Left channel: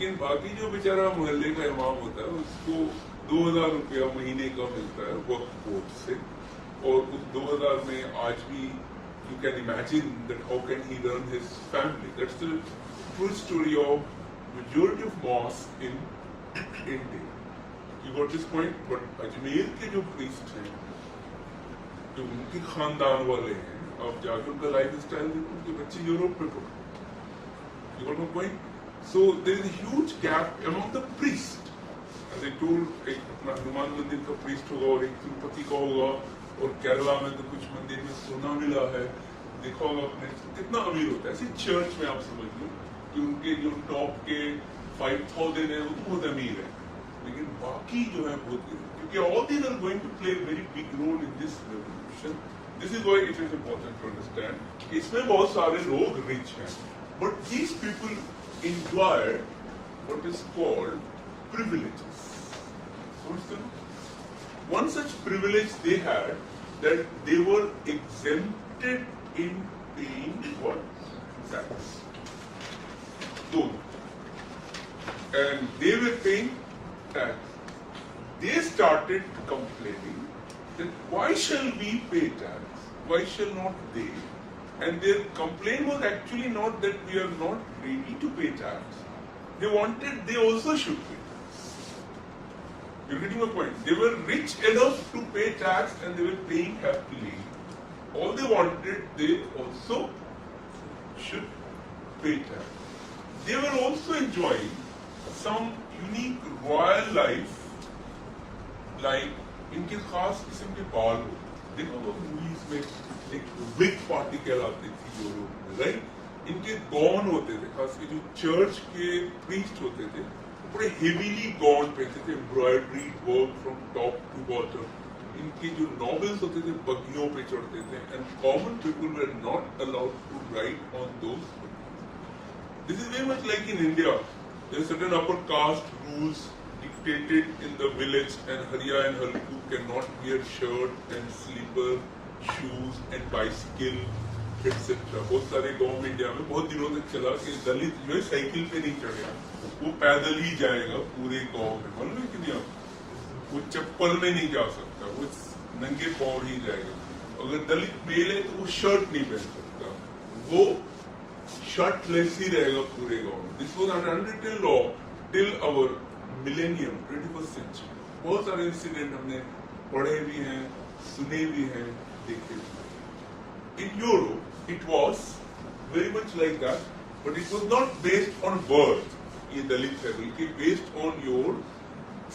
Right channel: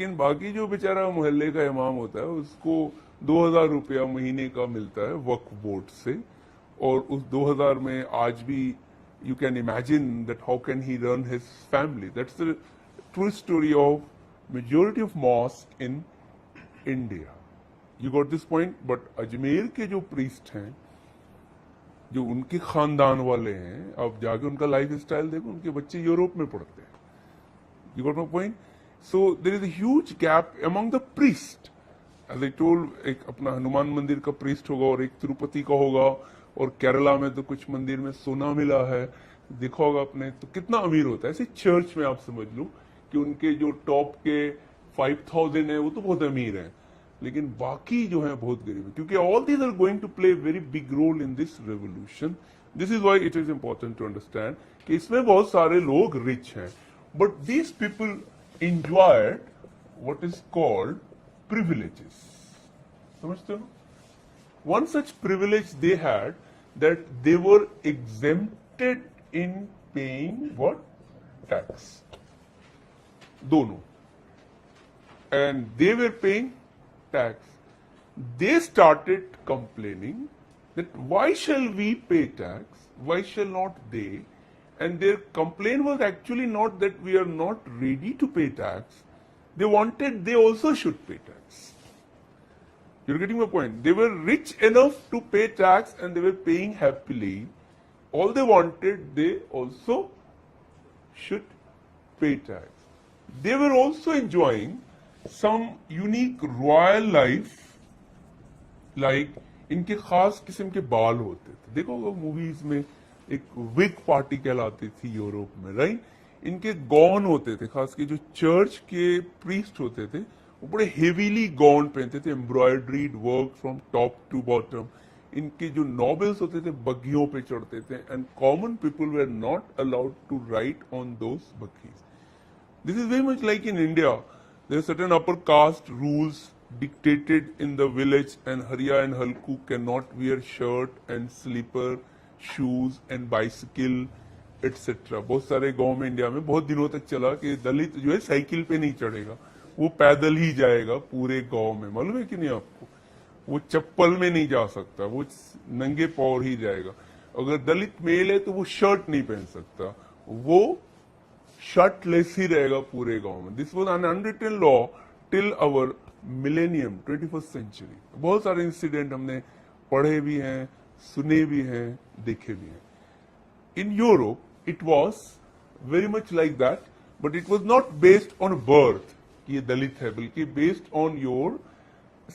लेकिन बाकी जो बेचारा मोहल्ले का इमाम होता है उसको 2000 रुपया महीने का मिलता है वक्फ बोर्ड से, और उस 2000 में आज भी you can imagine that how can he run his family. That's the true story of majority of mosques in India. You got this point? But Ajmer के जो priest हैं, जो उनके खानदान वाले हैं, अब जाके उनका लाइफ स्टाइल देखो, उनके बच्चे यूरोप में पढ़ते हैं. You got my point? So there is a huge gap among the priest. As I told, एक अपना हनुमान मंदिर का priest होगा और एक तिरुपति का होगा, और केरला में तो कुछ मंदिर में सोना मिला है, देखा होगा आपने, तो कितना अमीर होता है. ऐसे चर्च में आप समझ लो कि उनके जो टॉप के 5000 है वो तो बहुत अमीर है, लेकिन बाकी जो है बहुत गरीब, क्योंकि all these are going to play very big role in this revolution. This is why it is important to understand कि इसमें बहुत सारे लोग रिच हैं, but these people enjoy what is called privileges. समझते हो? One such privilege they had, that they were exempted in paying what? Tax. Dono. And they were paying tax. They started complaining that why shall we pay tax? Why shall not they? And their complaint was actually not that we are not ready to pay tax. They wanted they also should pay tax. You're getting my point? They were rich enough to pay tax and they were paying happily. All they wanted, they also should pay tax. They were also enjoying some unique royal life, like इनके खास किस्म के बाल होते. देखो वो मूवीज में एक विग पार्टी कहलाती थी यूरोप में, राइट? इनके गॉन होते थे, खास के जो चर्च के प्रीस्ट होते थे वो बड़े हेवीली गॉन पहनते थे, embroidered work from top to bottom. इनके जो नॉवेल्स होते थे बगियों पे चढ़ते थे, and common people were not allowed to ride on those बगियों. This is very much like in India. There are certain upper caste rules dictated in the village, and Hariya and Halku cannot wear shirt and slipper, shoes and bicycle etc. बहुत सारे गांव में इंडिया में बहुत दिनों तक चला कि दलित जो है साइकिल पे नहीं चढ़ेगा, वो पैदल ही जाएगा पूरे गांव में. मालूम है कि नहीं आप? वो चप्पल में नहीं जा सकता, वो नंगे पाँव ही जाएगा. अगर दलित मेल है तो वो शर्ट नहीं पहन सकता, वो शर्टलेस ही रहेगा पूरे गांव में. This was an unwritten law till our millennium, 21st century. बहुत सारे इंसिडेंट हमने पढ़े भी हैं, सुने भी हैं, देखे भी हैं. In Europe, it was very much like that, but it was not based on birth. ये दलित है बल्कि based on your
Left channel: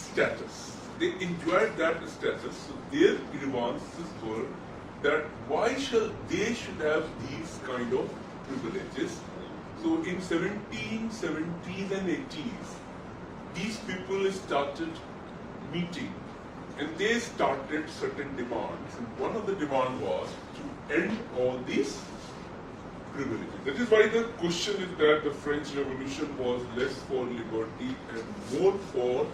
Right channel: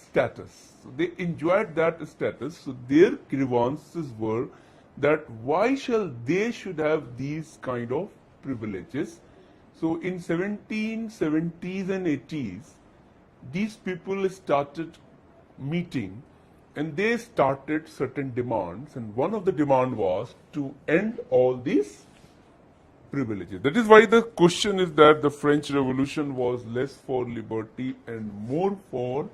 status. They enjoyed that status, so their grievances were that why shall they should have these kind of privileges. So in 1770s and 80s, these people started meeting and they started certain demands, and one of the demand was to end all these privileges. That is why the question is that the French Revolution was less for liberty and more for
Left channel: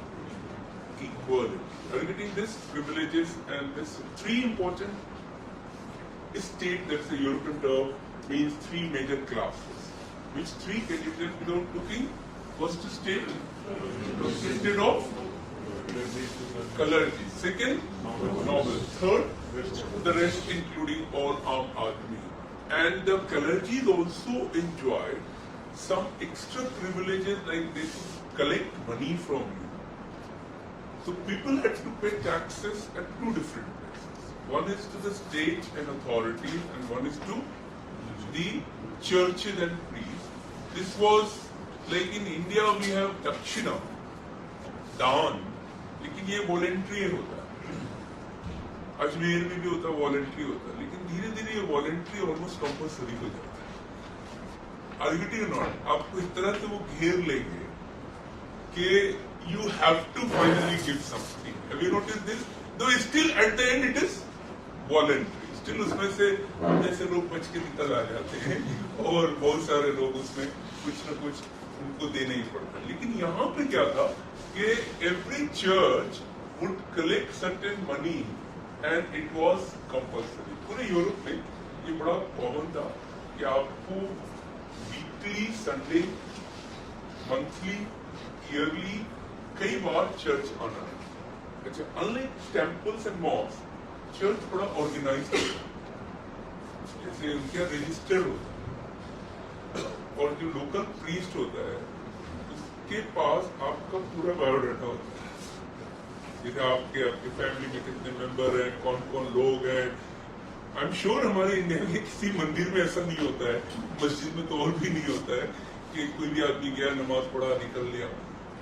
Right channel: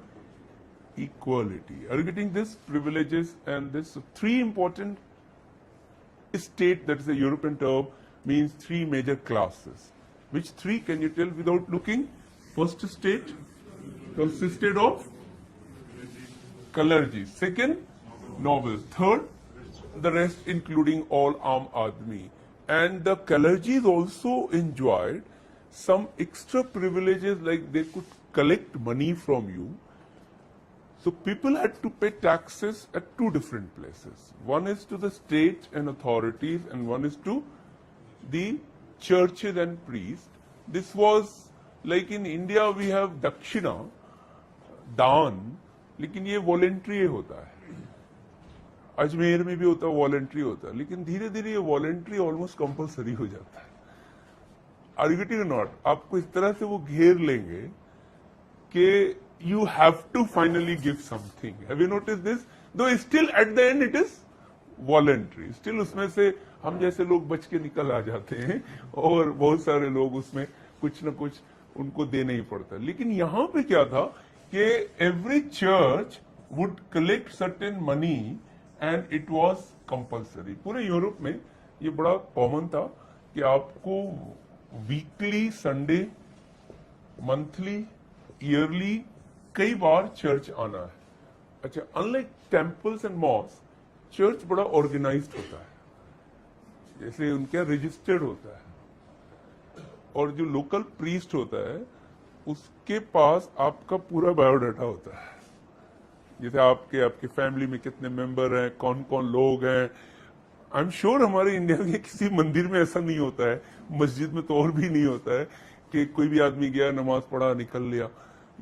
equality. Are you getting this? Privileges and this three important state, that is a European term, means three major classes. Which three can you tell without looking? First state consisted of clergy. Second, noble. Third, the rest including all Aam Aadmi. And the clergy also enjoyed some extra privileges, like they could collect money from you. So people had to pay taxes at two different places. One is to the state and authorities, and one is to the churches and priests. This was like in India we have Dakshina, दान, लेकिन ये वॉलेंट्री होता है. अजमेर में भी होता है, वॉलेंट्री होता है, लेकिन धीरे धीरे ये वॉलेंट्री ऑलमोस्ट कंपल्सरी हो जाता है. Are you getting not? आपको इस तरह से वो घेर लेंगे कि you have to finally give something. Have you notice this? Though still at the end it is voluntary. स्टिल उसमें से हम जैसे लोग बच के निकल आ जाते हैं, और बहुत सारे लोग उसमें कुछ न कुछ उनको देना ही पड़ता है. लेकिन यहाँ पे क्या था कि every church would collect certain money and it was compulsory. पूरे यूरोप में ये बड़ा कॉमन था कि आपको वीकली, संडे, मंथली ईयरली कई बार चर्च आना है। अच्छा, unlike temples and mosque, church बड़ा ऑर्गेनाइज होता है, जैसे उनका रजिस्टर होता है, और जो लोकल प्रीस्ट होता है उसके पास आपका पूरा बायोडाटा होता है, जैसे आपके आपके फैमिली में कितने मेंबर हैं, कौन कौन लोग हैं। आई एम श्योर हमारे इंडिया में किसी मंदिर में ऐसा नहीं होता है, मस्जिद में तो और भी नहीं होता है कि कोई भी आदमी गया, नमाज पढ़ा, निकल लिया।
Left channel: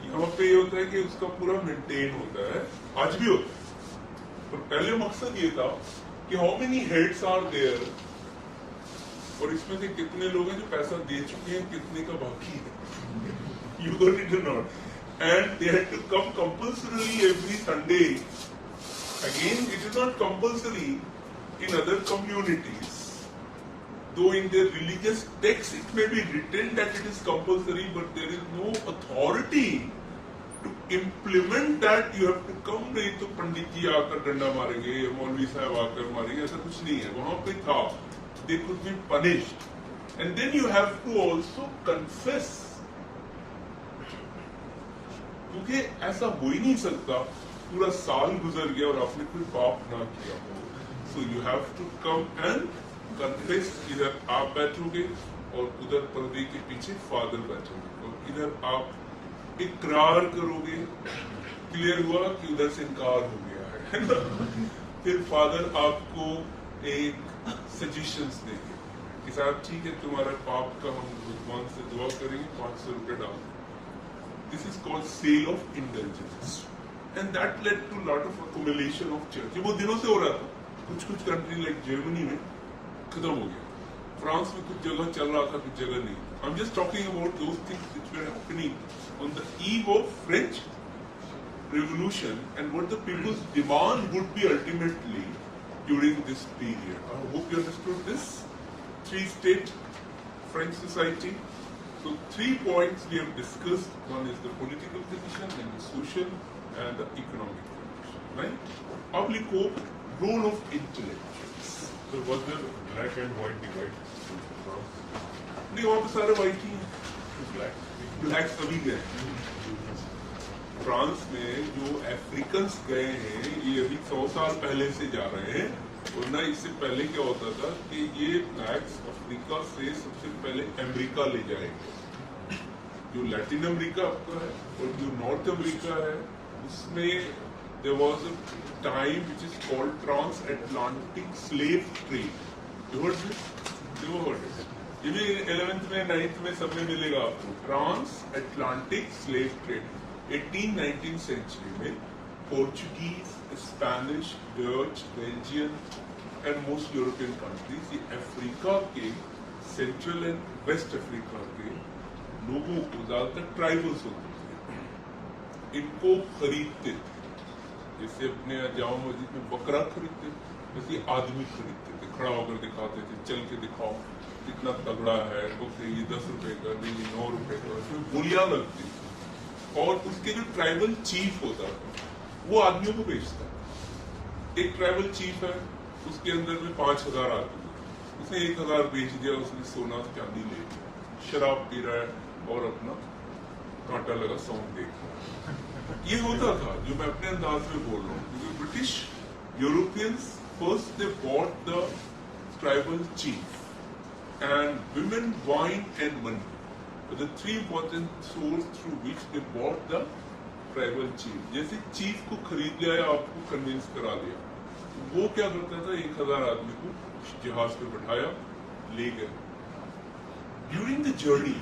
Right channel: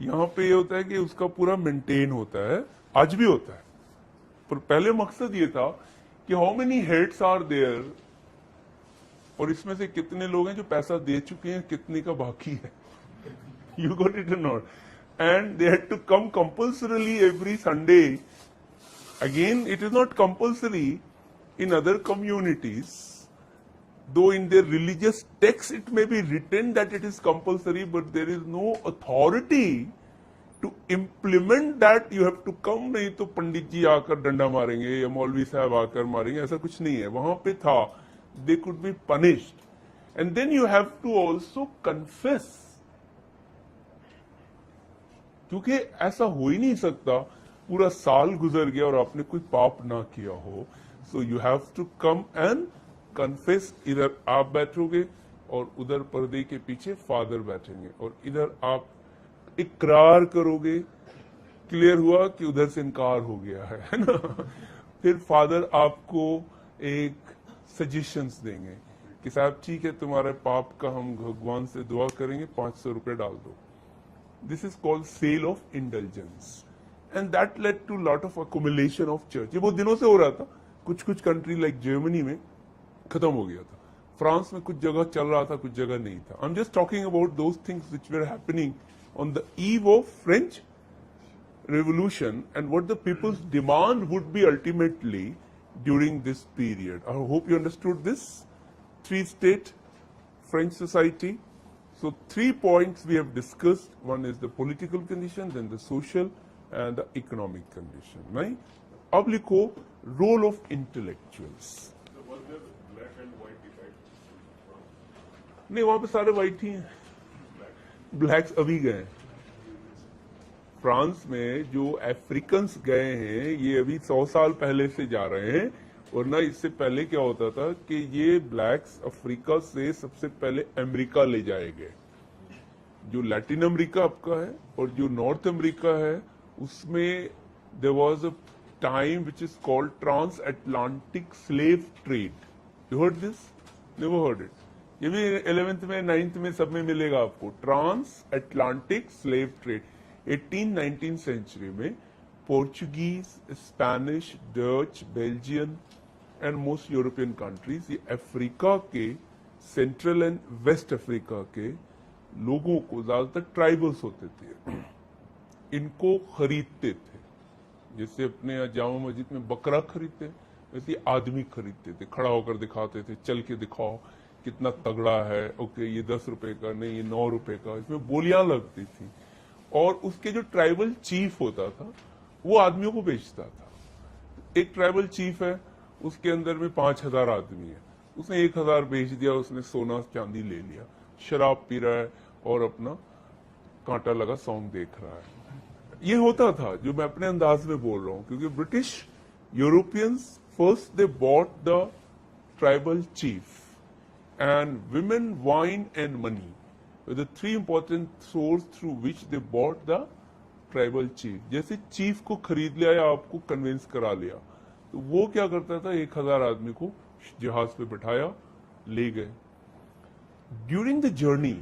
यहाँ पे ये होता है कि उसका पूरा मेंटेन होता है, आज भी होता है। पर पहले मकसद ये था कि how many heads are there, और इसमें से कितने लोग हैं जो पैसा दे चुके हैं, कितने का बाकी है। यू गॉट इट और not? And they had to come compulsorily every Sunday. Again, it is not compulsory in other communities, though in their religious text it may be written that it is compulsory, but there is no authority to implement that. You have to come, नहीं तो पंडित जी आकर डंडा मारेंगे या मौलवी साहब आकर मारेंगे, ऐसा कुछ नहीं है। वहां पे था, they could be punished, and then you have to also confess, क्योंकि ऐसा हो ही नहीं सकता पूरा साल गुजर गया और आपने कोई पाप ना किया हो। So you have to come and confess. इधर आप बैठोगे और उधर पर्दे के पीछे फादर बैठेंगे, और इधर आप इकरार करोगे, क्लियर हुआ कि उधर से इनकार हो गया है ना। फिर फादर आपको एक सजेशंस देंगे कि साहब ठीक है, तुम्हारे पाप का हम भगवान से दुआ करेंगे, 500 रुपए डाल दो। This is called sale of indulgence, and that led to lot of accumulation of church. ये बहुत दिनों से हो रहा था, कुछ कुछ कंट्री लाइक जर्मनी में खत्म हो गया, फ्रांस में कुछ जगह चल रहा था, कुछ जगह नहीं था। I'm just talking about those things which were happening on the eve of French Revolution and what the people's demand would be ultimately during this period. I hope you understood this three-state French society. So 3 points we have discussed. One is the political condition, then the social and the economic condition, right? अब लिखो role of intellectuals. So was there black and white divide? नहीं, वहाँ पे सारे white ही हैं, Black. blacks अभी गए। फ्रांस में जो अफ्रीकन्स गए हैं ये अभी 100 साल पहले से जा रहे हैं, वरना इससे पहले क्या होता था कि ये ब्लैक्स अफ्रीका से सबसे पहले अमेरिका ले जाए गए। जो लैटिन अमेरिका आपका है और जो नॉर्थ अमेरिका है, उसमें there was a time which is called trans Atlantic slave trade. You heard this? Never heard it? ये भी 11th में 9th में सब में मिलेगा आपको, trans Atlantic slave trade. 18-19 century में Portuguese, Spanish, Dutch, Belgian and most European countries ये अफ्रीका के, सेंट्रल एंड वेस्ट अफ्रीका के लोगों को, ज्यादातर ट्राइबल्स होते थे, इनको खरीदते थे। जैसे अपने यहाँ जामा मस्जिद में बकरा खरीदते, वैसे आदमी खरीदते थे, खड़ा होकर दिखाते थे, चल के दिखाओ कितना तगड़ा है, ओके ये 10 रुपए का, नहीं ये 9 रुपए का, इसमें बोलियां लगती थी। और उसके जो ट्राइबल चीफ होता था वो आदमियों को बेचता। एक ट्राइबल चीफ है, उसके अंदर में 5000 आदमी है, उसने 1000 बेच दिया, उसने सोना चांदी ले लिया, शराब पी रहा है और अपना कांटा लगा सॉन्ग देख रहा है। ये होता था, जो मैं अपने अंदाज में बोल रहा हूँ, क्योंकि British Europeans first they bought the tribal chief and women, wine and money were the 3 important sources through which they bought the tribal chief. जैसे चीफ को खरीद लिया या आपको कन्विंस करा लिया, तो वो क्या करता था, 1000 आदमी को जहाज पे बैठाया, ले गए। During the journey,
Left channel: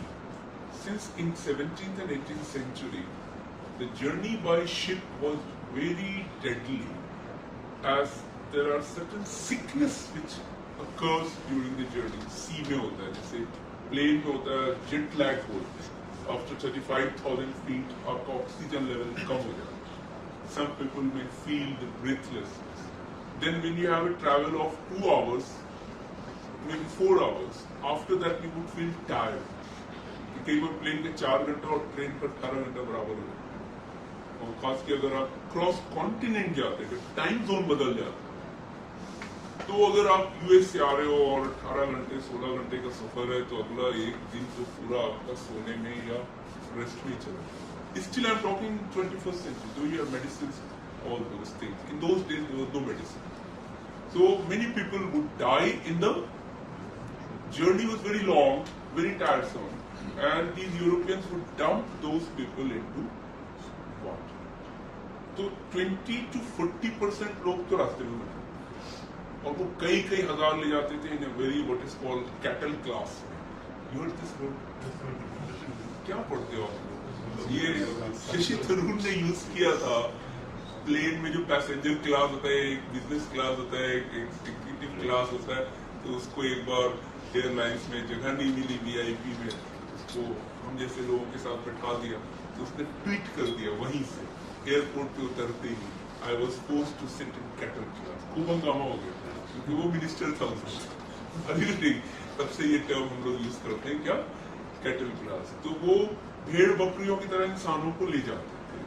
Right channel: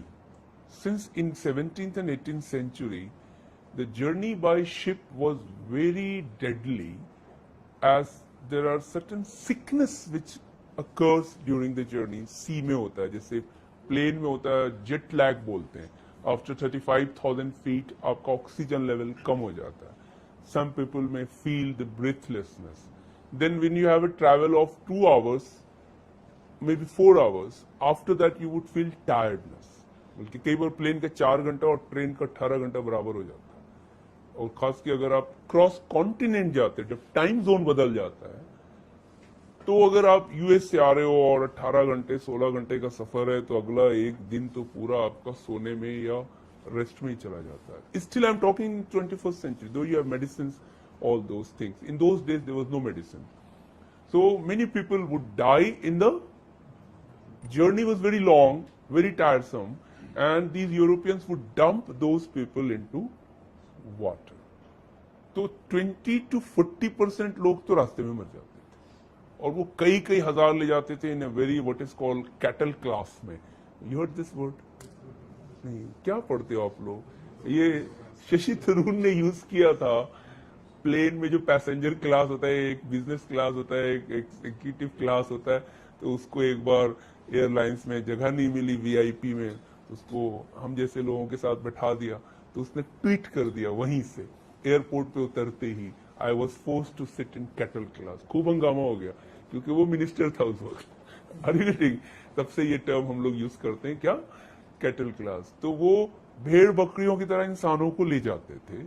since in 17th and 18th century, the journey by ship was very deadly, as there are certain sickness which occurs during the journey। सी में होता है, जैसे प्लेन में होता है, जेट लैग बोलते हैं। आफ्टर 35,000 फीट आपका ऑक्सीजन लेवल कम हो जाता है। सम पीपल में feel the breathlessness. Then when you have a travel of 2 hours, may be 4 hours, after that you would feel tired, क्योंकि कई बार प्लेन का 4 घंटा और ट्रेन का 18 घंटा बराबर हो जाता है। और खास के अगर आप क्रॉस कॉन्टिनेंट जाते हैं तो टाइम जोन बदल जाता है। तो अगर आप यूएस से आ रहे हो और 18 घंटे 16 घंटे का सफर है, तो अगला एक दिन तो पूरा आपका सोने में या रेस्ट में चला जाता है। Still, I'm talking 21st century. Though you have medicines, all those things. In those days, there was no medicine. So many people would die in the journey was very long, very tiresome, and these Europeans would dump those people into water. तो 20 to 40% लोग तो रास्ते में मर गए और वो कई कई हजार ले जाते थे in a very what is called cattle class में. You heard this word? क्या पढ़ते हो आप लोग? ये शशि थरूर ने यूज किया था. प्लेन में जो पैसेंजर क्लास होता है, एक बिजनेस क्लास होता है, एक एग्जीक्यूटिव क्लास होता है, तो उसको एक बार एयरलाइंस में जगह नहीं मिली वीआईपी में, उसको हम जैसे लोगों के साथ बैठा दिया, तो उसने ट्वीट कर दिया वहीं से एयरपोर्ट पे उतरते ही, I was force to sit in cattle class. खूब हंगामा हो गया क्योंकि वो मिनिस्टर था उस वक्त. अभी तब से ये टर्म हम लोग यूज करते हैं, क्या, कैटल क्लास. तो वो भेड़ बकरियों की तरह इंसानों को ले जाते थे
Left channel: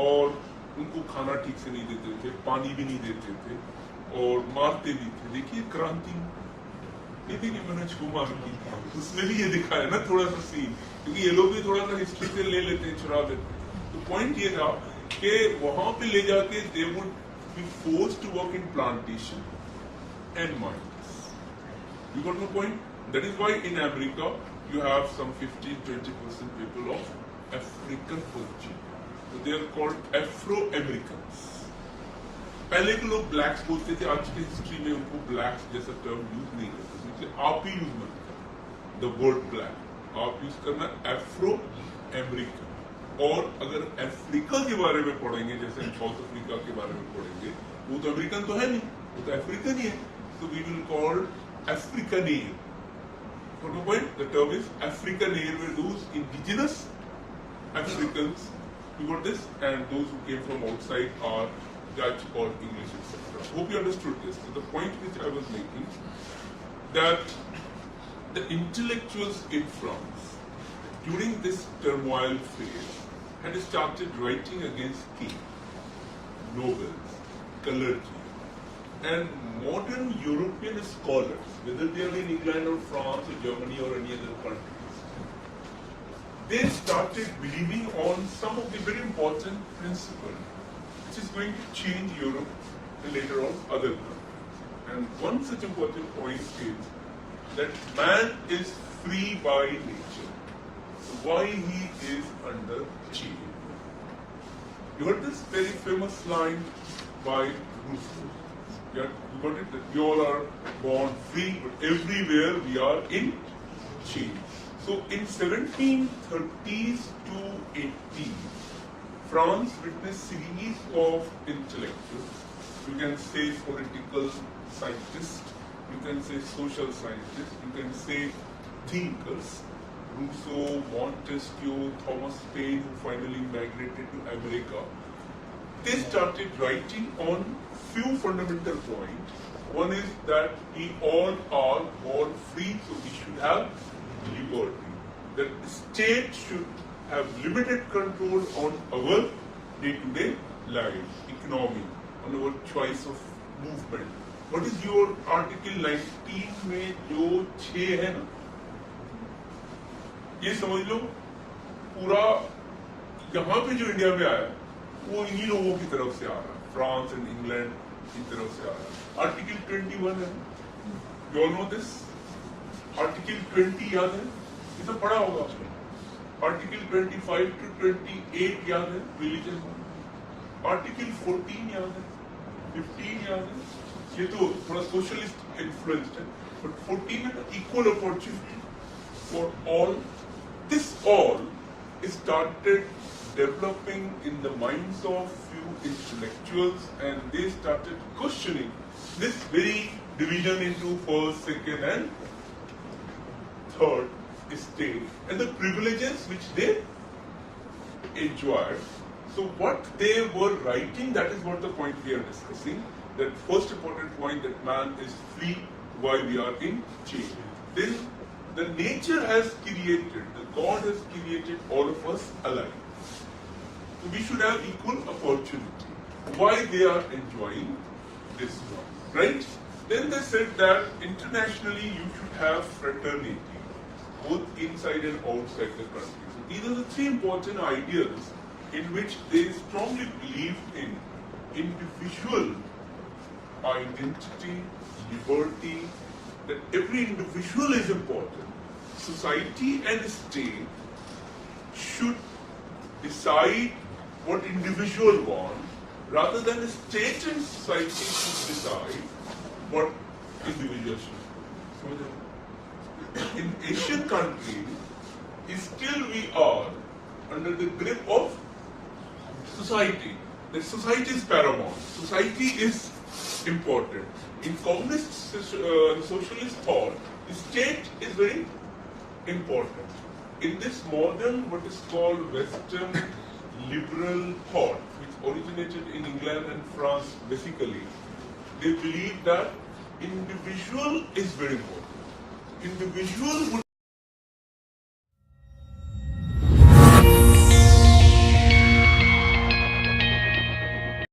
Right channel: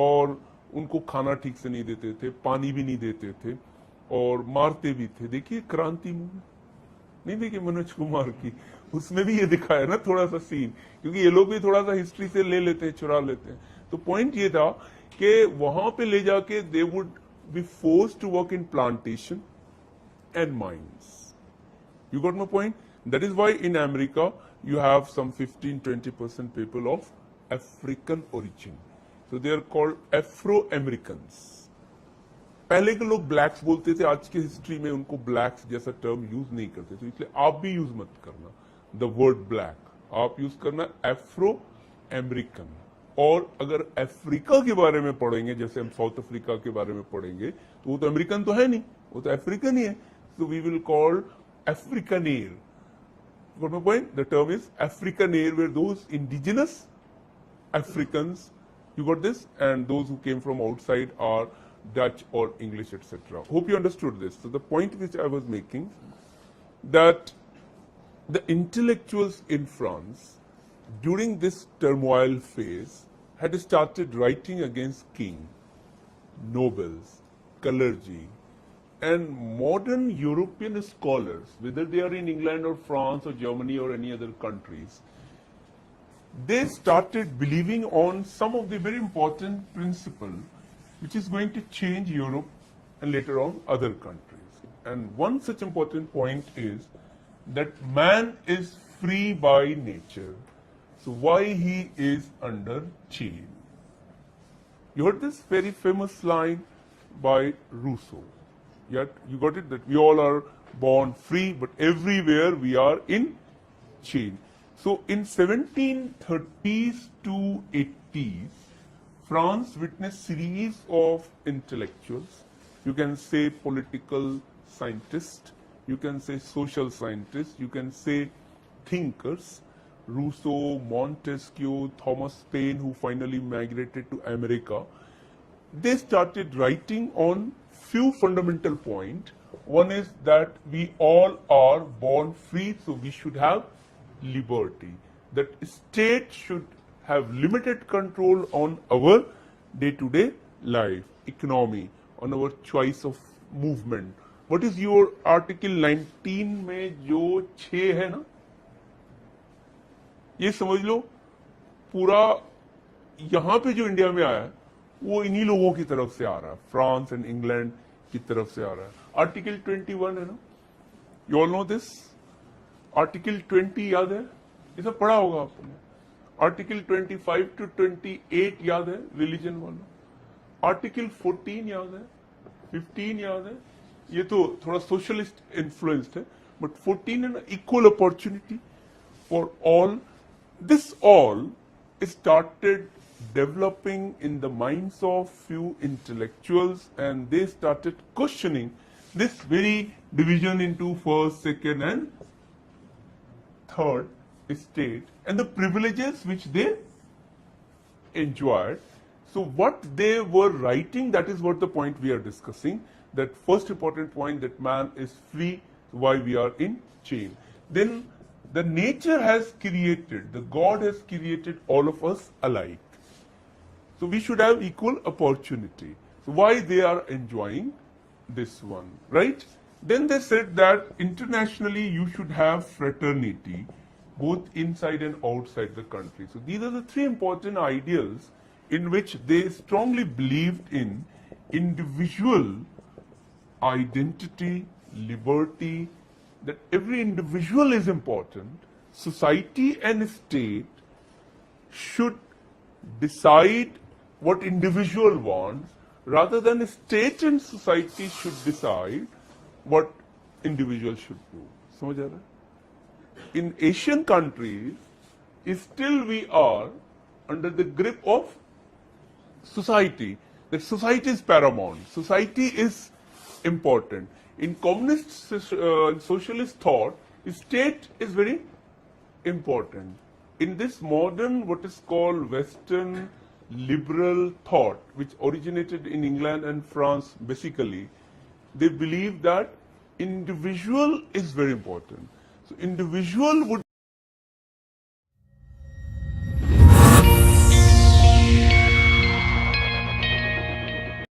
और उनको खाना ठीक से नहीं देते थे, पानी भी नहीं देते थे और मारते भी थे. देखिए क्रांति नहीं देखिए मनोज कुमार की, उसमें भी ये दिखाया ना थोड़ा सा सीन, क्योंकि ये लोग भी थोड़ा सा हिस्ट्री से ले लेते हैं, चुरा लेते हैं. तो पॉइंट ये था कि वहां पे ले जाके they would be forced to work in plantation and mines. You got my point? That is why in America you have some 15-20% people of African origin. So they are called Afro-Americans. पहले के लोग blacks बोलते थे, आज की हिस्ट्री में उनको blacks जैसा टर्म यूज नहीं करते थे, इसलिए आप भी यूज मत करना the word black. आप यूज करना Afro-American. और अगर अफ्रीका के बारे में पढ़ेंगे, जैसे हम साउथ अफ्रीका के बारे में पढ़ेंगे, वो तो अमेरिकन तो है नहीं, वो तो अफ्रीकन ही है. So we will call Afrikaner. Got no point? The term is Afrikaner, where those indigenous Africans, you got this, and those who came from outside are Dutch or English, etc. Hope you understood this. So the point which I was making, that the intellectuals in France during this turmoil phase had started writing against King, nobles, clergy, and modern European scholars, whether they are in England or France or Germany or any other countries, they started believing on some of the very important principles which is going to change Europe and later on other countries. And one such important point is that man is free by nature. So why he is under chain? You heard this very famous line by Rousseau. Yeah, you got it, that we all are born free, but everywhere we are in chain. So in 1730s to 80s, France witnessed series of intellectuals. You can say political scientists, you can say social scientists, you can say thinkers. Rousseau, Montesquieu, Thomas Paine, who finally migrated to America. They started writing on few fundamental points. One is that we all are born free, so we should have liberty. That state should have limited control on our day-to-day life, economy, on our choice of movement. What is your Article 19 में जो 6 है ना, ये समझ लो पूरा यहाँ पे जो इंडिया में आया वो इन्हीं लोगों की तरफ से आ रहा है, फ्रांस एंड इंग्लैंड की तरफ से आ रहा है. आर्टिकल 21 है, you all know this. Article 20 याद है, ये सब पढ़ा होगा आपने. आर्टिकल 25 to 28 याद है, रिलीजन वाला. आर्टिकल 14 याद है, 15 याद है, ये तो थोड़ा सोशलिस्ट इन्फ्लुएंस्ड है, बट 14 है equal opportunity for all. This all started developing in the minds of few intellectuals, and they started questioning this very division into first, second, and third state and the privileges which they enjoyed. So what they were writing, that is what the point we are discussing. That first important point, that man is free while we are in chain. Then the nature has created, the God has created all of us alike. So we should have equal opportunity. Why they are enjoying this one, right? Then they said that internationally you should have fraternity. both inside and outside the country. So these are the three important ideals in which they strongly believed in: individual identity, liberty, that every individual is important. Society and state should decide what individual want, rather than state and society should decide what individual should do. So in Asian countries, still we are under the grip of society. That society is paramount. Society is important. In communist socialist thought, state is very important. In this modern, what is called Western liberal thought, which originated in England and France basically, they believe that individual is very important. So individual would